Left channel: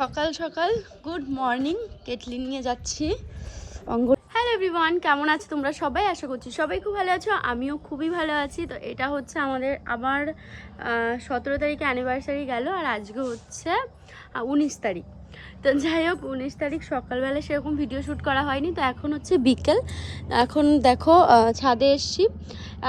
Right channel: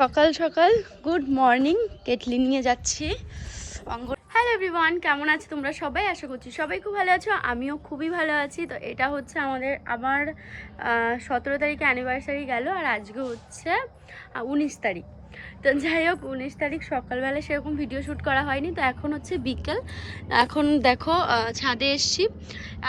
সকাল সকাল good morning, kettle নিয়ে যাচ্ছি অঙ্গন। হ্যালো এভরিওয়ান, কেমন আছো তোমরা সবাই? আশা করছি সবাই খুব ভালো আছো, আমিও খুবই ভালো আছি। তো এটা হচ্ছে আমার 17 তারিখে অ্যানিভার্সারি গেল, আর আজকে হচ্ছে 19 তারিখ। তো যাই হোক, 19 তারিখ সকালবেলা সেরকম ভিডিও শ্যুট করা হয়নি। তো এখন হচ্ছে বিকেল, এখন দেখো ছাদে এসছি।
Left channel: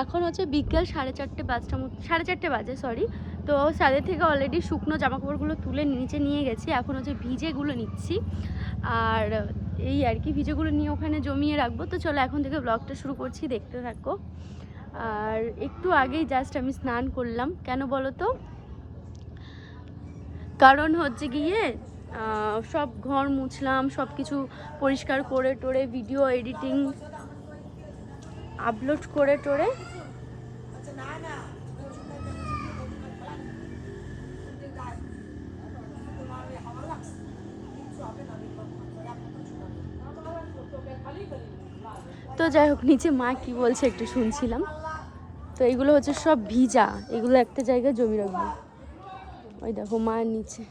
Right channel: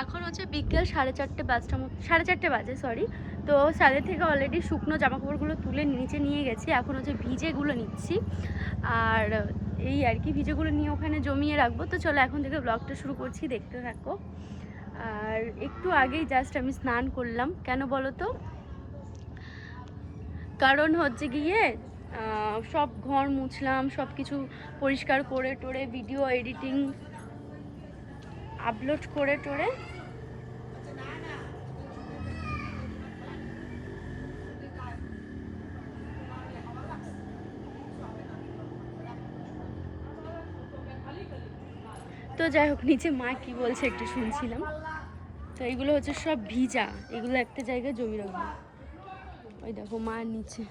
এখন হচ্ছে বিকেল 4:30 5টার মতো, 4:30 বাজে সরি। তো ছাদের থেকে অলরেডি শুকনো জামাকাপড়গুলো তুলে নিচে নিয়ে গেছি, এখন হচ্ছে ভিজেগুলো নিচ্ছি। আর এই আর কি, ভিজেগুলো নিয়ে ওখানে জমিয়ে রাখবো। তো চলো এখন থেকে ব্লগটা শুরু করছি, দেখতে থাকো। আর একটু আগেই জাস্ট আমি স্নান করলাম, কেন বলো তো? কারণ হচ্ছে গিয়ে সব ঘর মুছলাম, সব কিছু পরিষ্কার করে টোরে, ভিডিও এডিটিং আপলোড করে টোরে তো যাই হোক, নিচে মা কি বলছে একটু শুনছিলাম। তো এগুলো হচ্ছে সব ভিজা, এগুলো একটা জায়গায় জমি রাখবো। ওই দেখো মায়ের নিচে,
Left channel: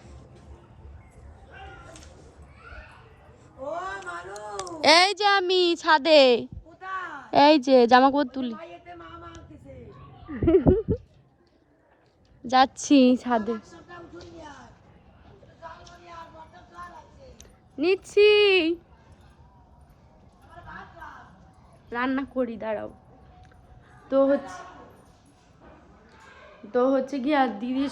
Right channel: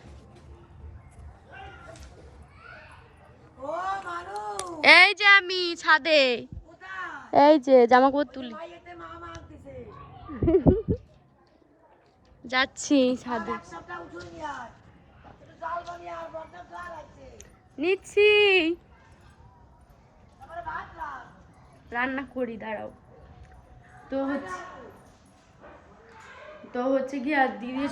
এই যে আমি ছাদে, এই যে জামা কাপড় তুলি যাচ্ছি ছাদে, নিচ্ছি, রান্না করি দাঁড়াও। তো হচ্ছে কি, আর দিদি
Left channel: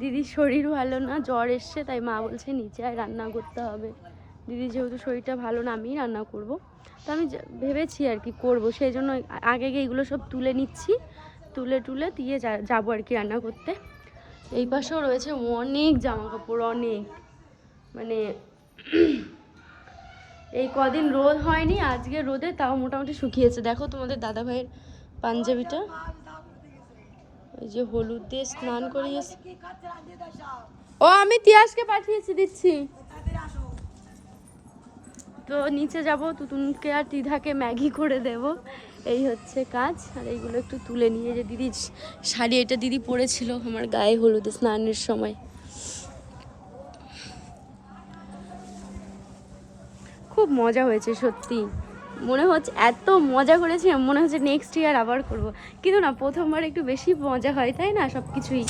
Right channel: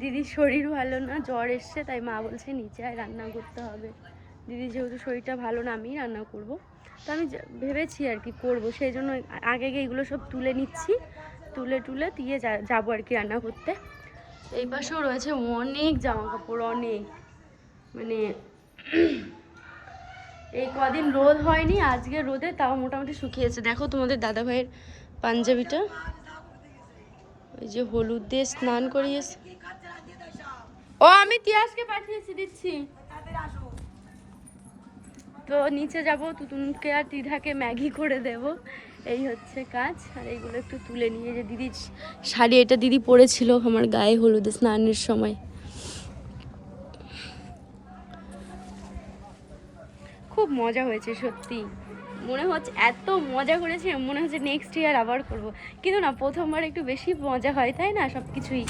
দিদির শরীর ভালো না, জ্বর এসছে, তাই মা বলছে নিচে আয়, রান্না করতে হবে। দিদি যেহেতু শরীরটা ভালো না, আমিই রান্না করব। তো আমি ভেবেছি আর কি করবো, সেই জন্য আগে এগুলো সব তুলে নিচ্ছি, তুলে দিয়ে যাবো আর কি রান্না করতে। এই পাশেও রয়েছে অনেক জামা কাপড়, অনেক, মানে এই কদিন রোদ হয়নি, আজকে রোদে তাও মোটামুটি শুকিয়েছে। দেখো তোমাদের দাদা ভাইয়ের পাঞ্জাবিটা, ওই যে হলুদ দিয়ে স্নান করিয়েছে। ও আমি তিয়াসকে পাঠিয়েছি, দিচ্ছি। তো নিচে যাব, তুতুনকে আর ত্রিধাকে ম্যাগি করে দেব, এই হচ্ছে কাজ। আর এইগুলো একটু তুলে নিয়ে, যে দিদি শাড়ি, এটা দিদি পরেছিল আমার গায়ে হলুদে স্নানের সময়। খুব মজা হয়েছে সত্যি, মনে হচ্ছে এত মজা করেছি, মনে হচ্ছে নেক্সট ইয়ার আবার করব। কিন্তু না, প্রথমবার একটু বেশি মজা হয়, তাই না, সব কিছুই।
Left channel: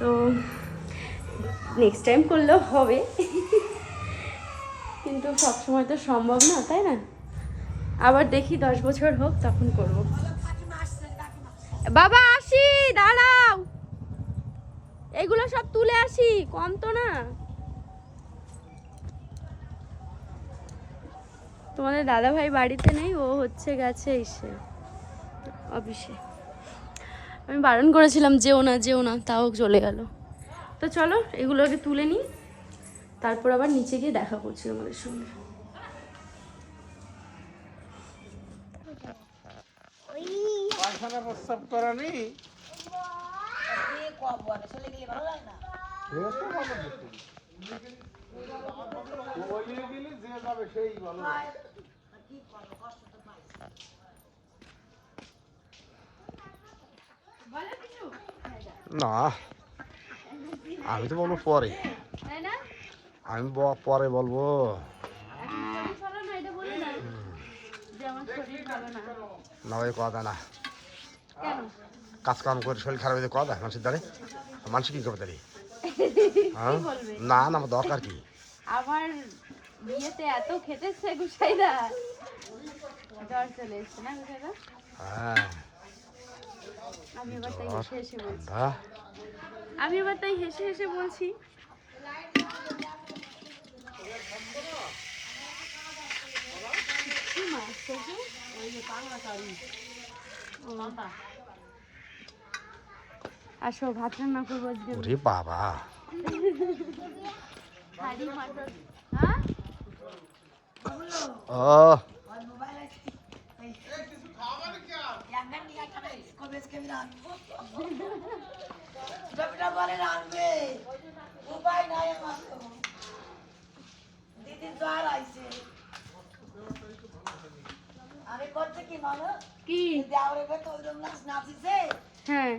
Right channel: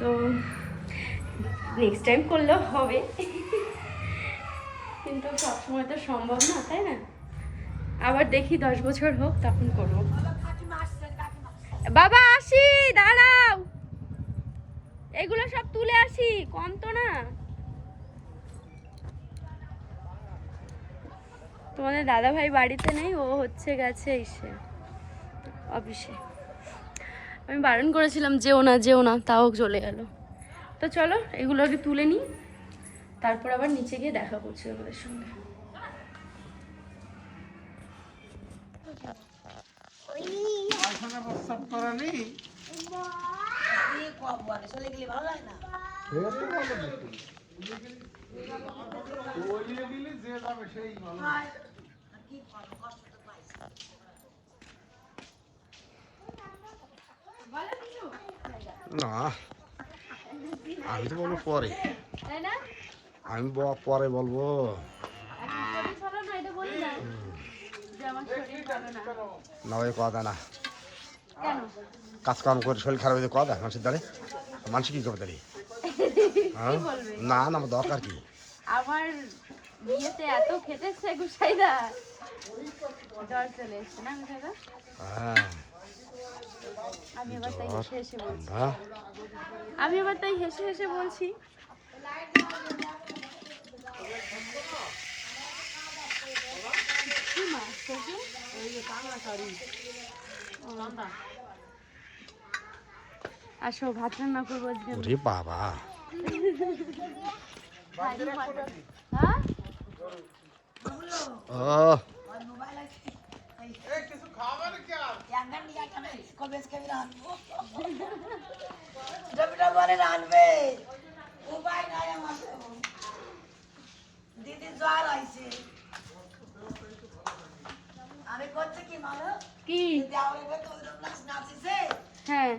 তো নেক্সট টাইম করলেও হবে, কিন্তু সবসময় তো সম্ভব না, তাই না? আবার দেখি 10 বছর হোক, তখন করব। বাবা আসি, দাঁড়াও, এগুলো সব তুলে আসি, কম তো না। তোমাদের দাদা ভাই বাড়িতে নেই, ও হচ্ছে গেছে এসে অফিসে। আমি বারণ করেছিলাম যেও না, তাও চলে গেল। তো চলো এগুলো আগে তুলে নিই, তারপর আবার নিচে গিয়ে দেখা করছি আমাদের সঙ্গে। না, আমি তো বলবো পরে, আমি পরে বলবো। না ওই কথা না, কাজ কাম করে শরীর খারাপ হয়ে কথা মানুষের দ্বারে, মানুষ কি করবে দাঁড়িয়ে? না না, আমার দরকার কি? আমার বিয়েতে এত খেটেছে গুসাইদা, জ্বর চলে এসছে না গুসাইদা? হ্যাঁ, আমি এবার তাই হেসে হেসে বলছি। আসো, ভাত রান্না করবো আজকে। ওরে বাবা, ও কি? হ্যাঁ,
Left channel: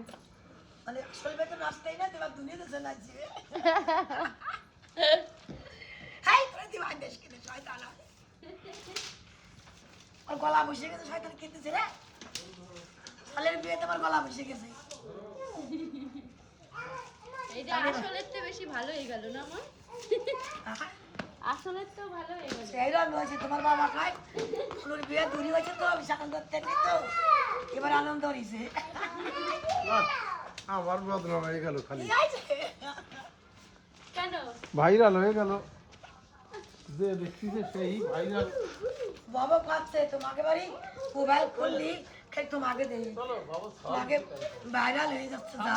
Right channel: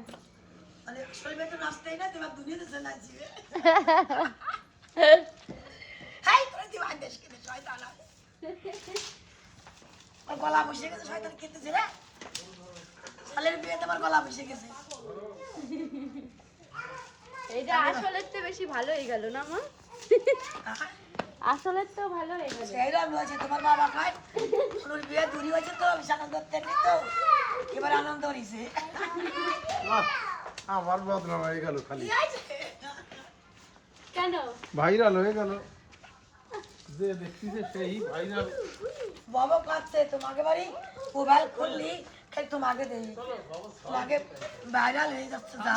গলা বসে গেছে শয়তান খেতেছে রে সালের বিয়েতে আমার গলা বসে গেছে এইটা আসলে তো বেশি ভালো হয়ে গেল না মা আসলে তো ভালো হয়ে গেল সেইরকম হয়েছে তোমার বাবা খায় ওর বিয়ে দূরি হয়েছে তো বিশাখান দত্তের নেই তো এবার আনন্দ হয়েছে আমার বদনাম হয়ে গেল খালি কেন ভাইরাল হয়ে গেল যে দেখছি যে সেই ভাইরাল বাবা কাঁদছে তোমাকে বাড়ি মোবাইল খুললি খালি তোমাকে দেই তোমাকে ভাইরাল হয়ে যাচ্ছে যা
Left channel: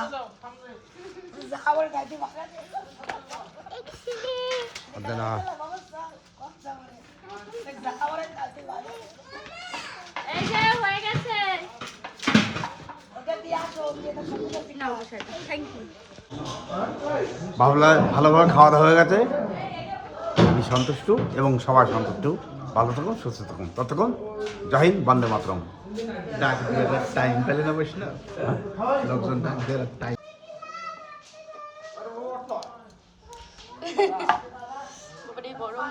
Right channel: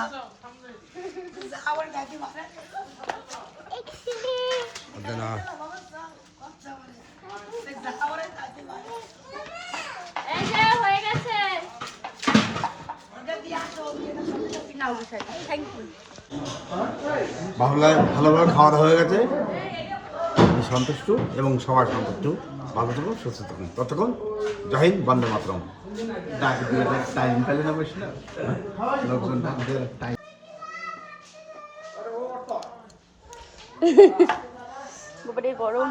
যা আবার গাড়ি মারে না এই যে হয়ে গেছে নাও বসাই থ্যাংক ইউ ভালোভাবে খাওয়া দাওয়া হয়ে গেছে আমি সন্তুষ্ট এবং সবাই সন্তুষ্ট ভালো থাকুন সুস্থ থাকুন ততক্ষণ জয় হিন্দ বন্দে মাতরম ডাক দিয়ে টাইম পেলে না বসে না লোকজন ডাক দিয়ে টাইম উপরে গরম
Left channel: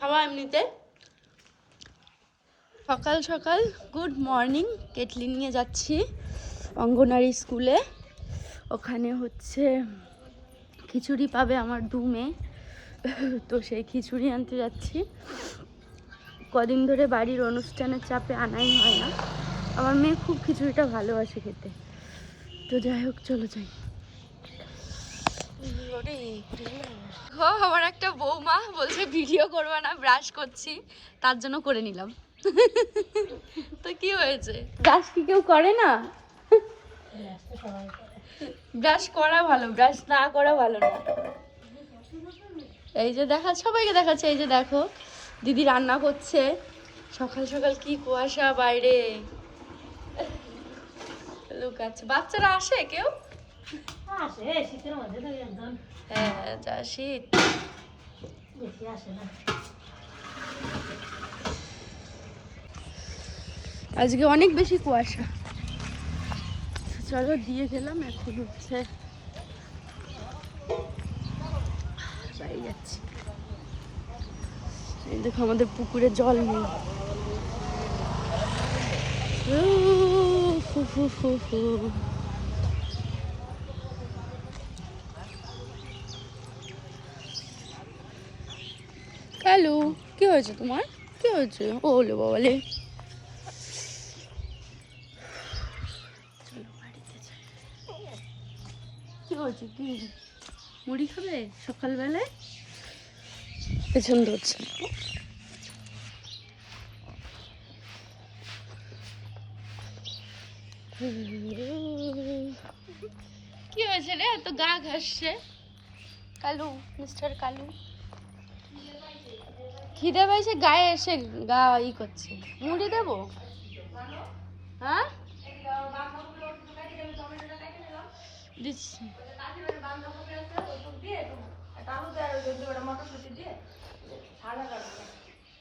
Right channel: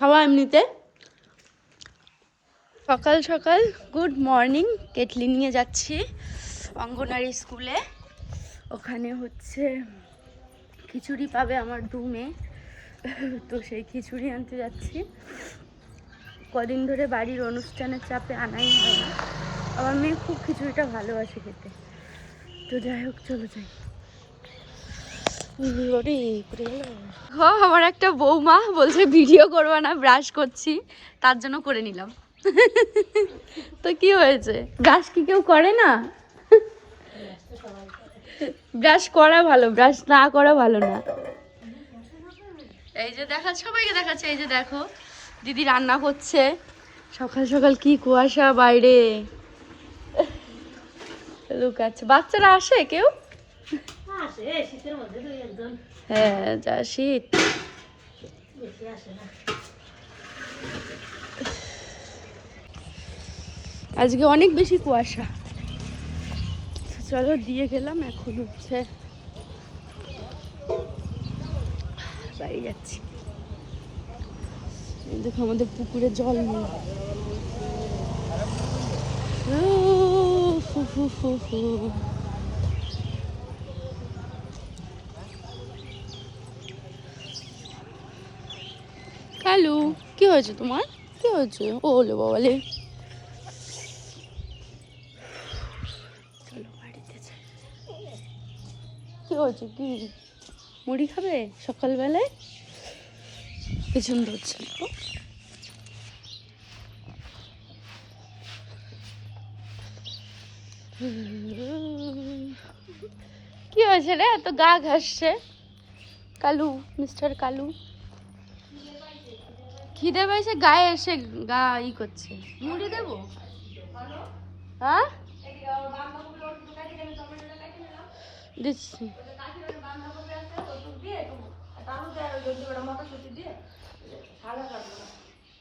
খাওয়া এমনিতে সকাল সকাল গুড মর্নিং কেটলি নিয়ে যাচ্ছি অঙ্গনারী স্কুলে ওখানে হচ্ছে খিচুড়ি পাবে আমার 2 মেয়ে তো সেই খিচুড়ি আনতে যাচ্ছি কদিন ধরে বাড়ির অনুষ্ঠানের চাপে আনাই হয় না আমার মেয়ে খুব খিচুড়িটা ভালোবাসে খেতে তো যাই হোক চলো যাই আমার একটা বৌমা বলছে ভিডিও করবা না ব্রাশ করছি তার জন্য করে নিলাম তো কি হয়েছে ব্রাশ কি কেউ করে না ব্রাশ করা ভালো ব্রাশ না করা ভালো না এই যে দেখা সবাইকে দেখাচ্ছে এই যে দেখো দিদি রান্না করছে সকাল সকাল কি কুয়াশা বাইরে লুকাচ্ছে বাচ্চারা আসে কেউ হ্যাঁ যা শীত আজকে অনেক বেশি কুয়াশা চলো দিয়ে গেলাম এখন হচ্ছে বাড়ি যাচ্ছি এই দেখো আমাদের পুকুরে জল নেই কালু কি হয়েছে তোমার কি হয়েছে ওলে বাবালে চলো বাড়িতে যাই কি হয়েছে কি মুড়ি খাবে সকালবেলায় পেছন ধরছে কি হয়েছে রে এত গা ঘাসছে কালু মিস্টার কালু খিদে পাইছে গায়ে এসে গা ই করছে মুড়ি দেবো হ্যাঁ দিচ্ছি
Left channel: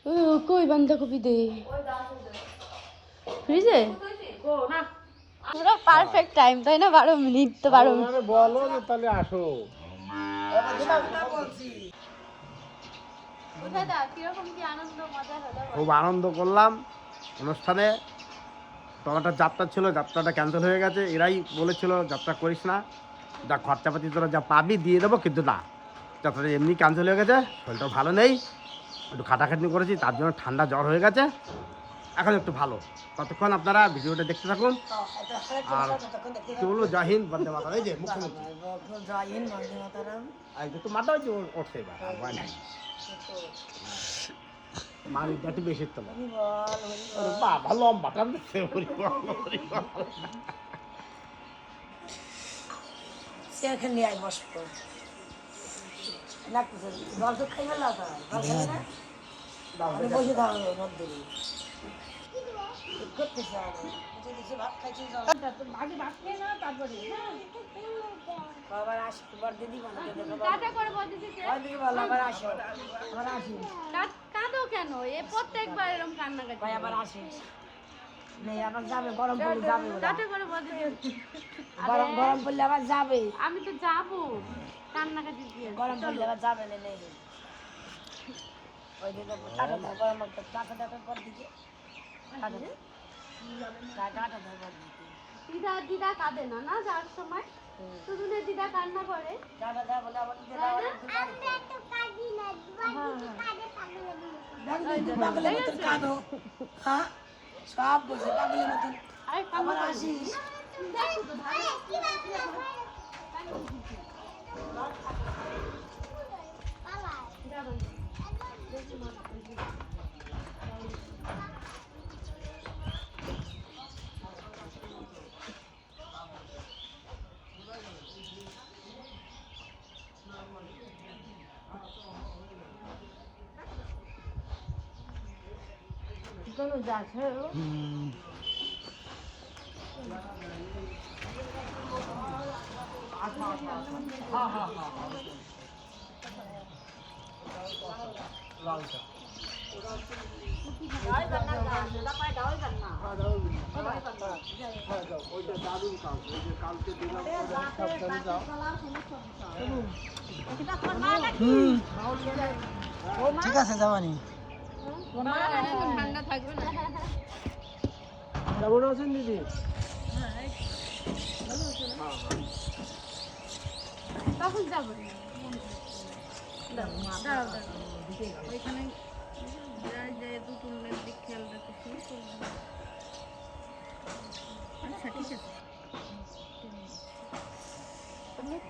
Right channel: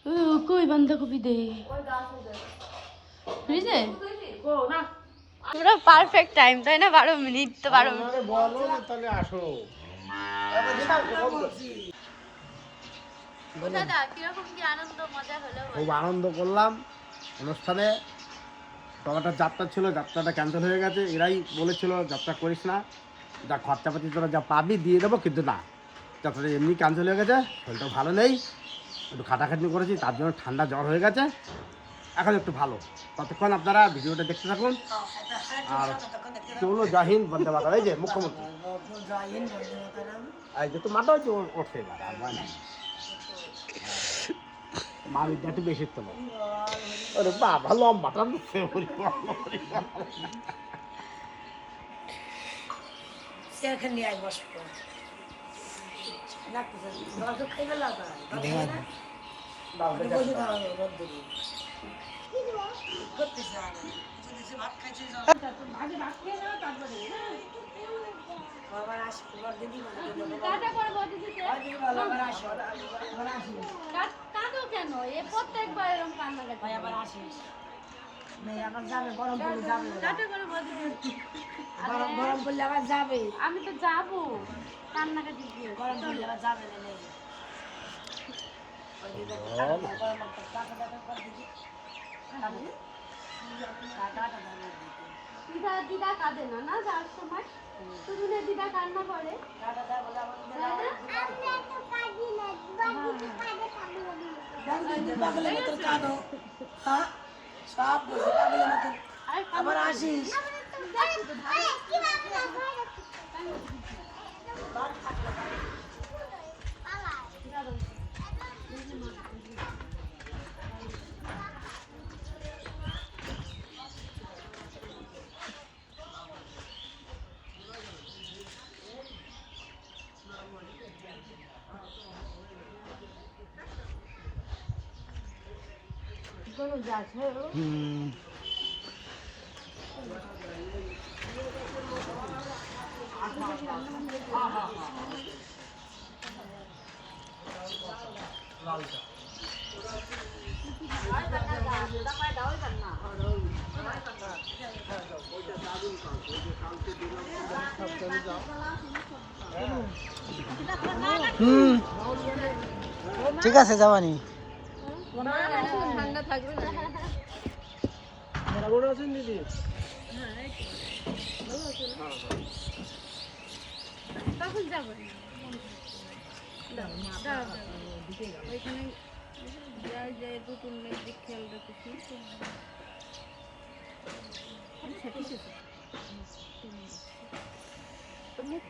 ও কই বাঁধাকপি দে বুঝলে পুরো পারফেক্ট টাইম তাই না 12 মিনিট তো 12 মিনিট বলো তাহলে আসো খুব আনন্দ করলাম অনুষ্ঠানে তোমার যাত্রা ছিল যাত্রাটা ক্যান্সেল হয়ে গেছে এরাই বলেছিল যাত্রা করিস না যা খরচাপাতি তোরা যা পাবি দিয়ে দেবো কিন্তু না যাত্রাটা এমনি ক্যান্সেল হয়ে গেছে শরীরটাও ভালো নেই একটু খাটাখাটনি করেছি তার জন্য ঠান্ডা জ্বর হয়ে গেছে এখন একটু ভালো ততক্ষণ আপনারা ভিডিওটা দেখতে থাকুন আর চলো জাহিন বন্দে মাতরম এই যে মুখ্যমন্ত্রী তো মাথা হচ্ছে উঠছে এবার আর ভয় নেই মা বিদ্যাটি বেশি তো বাবা লম্বাটা সেখানে আই বসবো বসে খাওয়া করতেছে ভাত খাইছে ভাত খেয়ে যাওয়া তারপরে আবার আসি তোমার দিদি বলে টাটা করে বদিতে দিদি বলো আবার আসো আবার আসি কাঁদো কেন এ প্রত্যেকবার এরকম কান্নাকাটি ভাই আবার আসিস নেই আবার যাবে গরম পড়লে যাবে টাটা করে বদিতে গরম গরম পড়লে আবার যাবে আমি তো যাবো কান্নাকাটি দিয়ে গরম পড়লে আবার যাবে না নেই ওই দিকে টাকা দাও গরম টাকা দাও পর দিকে টাকা দাও পর দিকে দিদা কাঁদে না না যাওয়ার সময় শুধু না দিদা কান্না করে টাকা দাও বলে আবার পাগলের মতন কাঁদো হ্যাঁ সব বুঝে পাগলের মতন আরে আবার আসিস দেখো তো ভালো ঠিক আছে যাবানি ঠান্ডা থাকবে না তখন যাবো ওইখানে যাই যাই দুটুনের দিক খেয়াল রাখিস আচ্ছা ঠিক আছে তো মুখ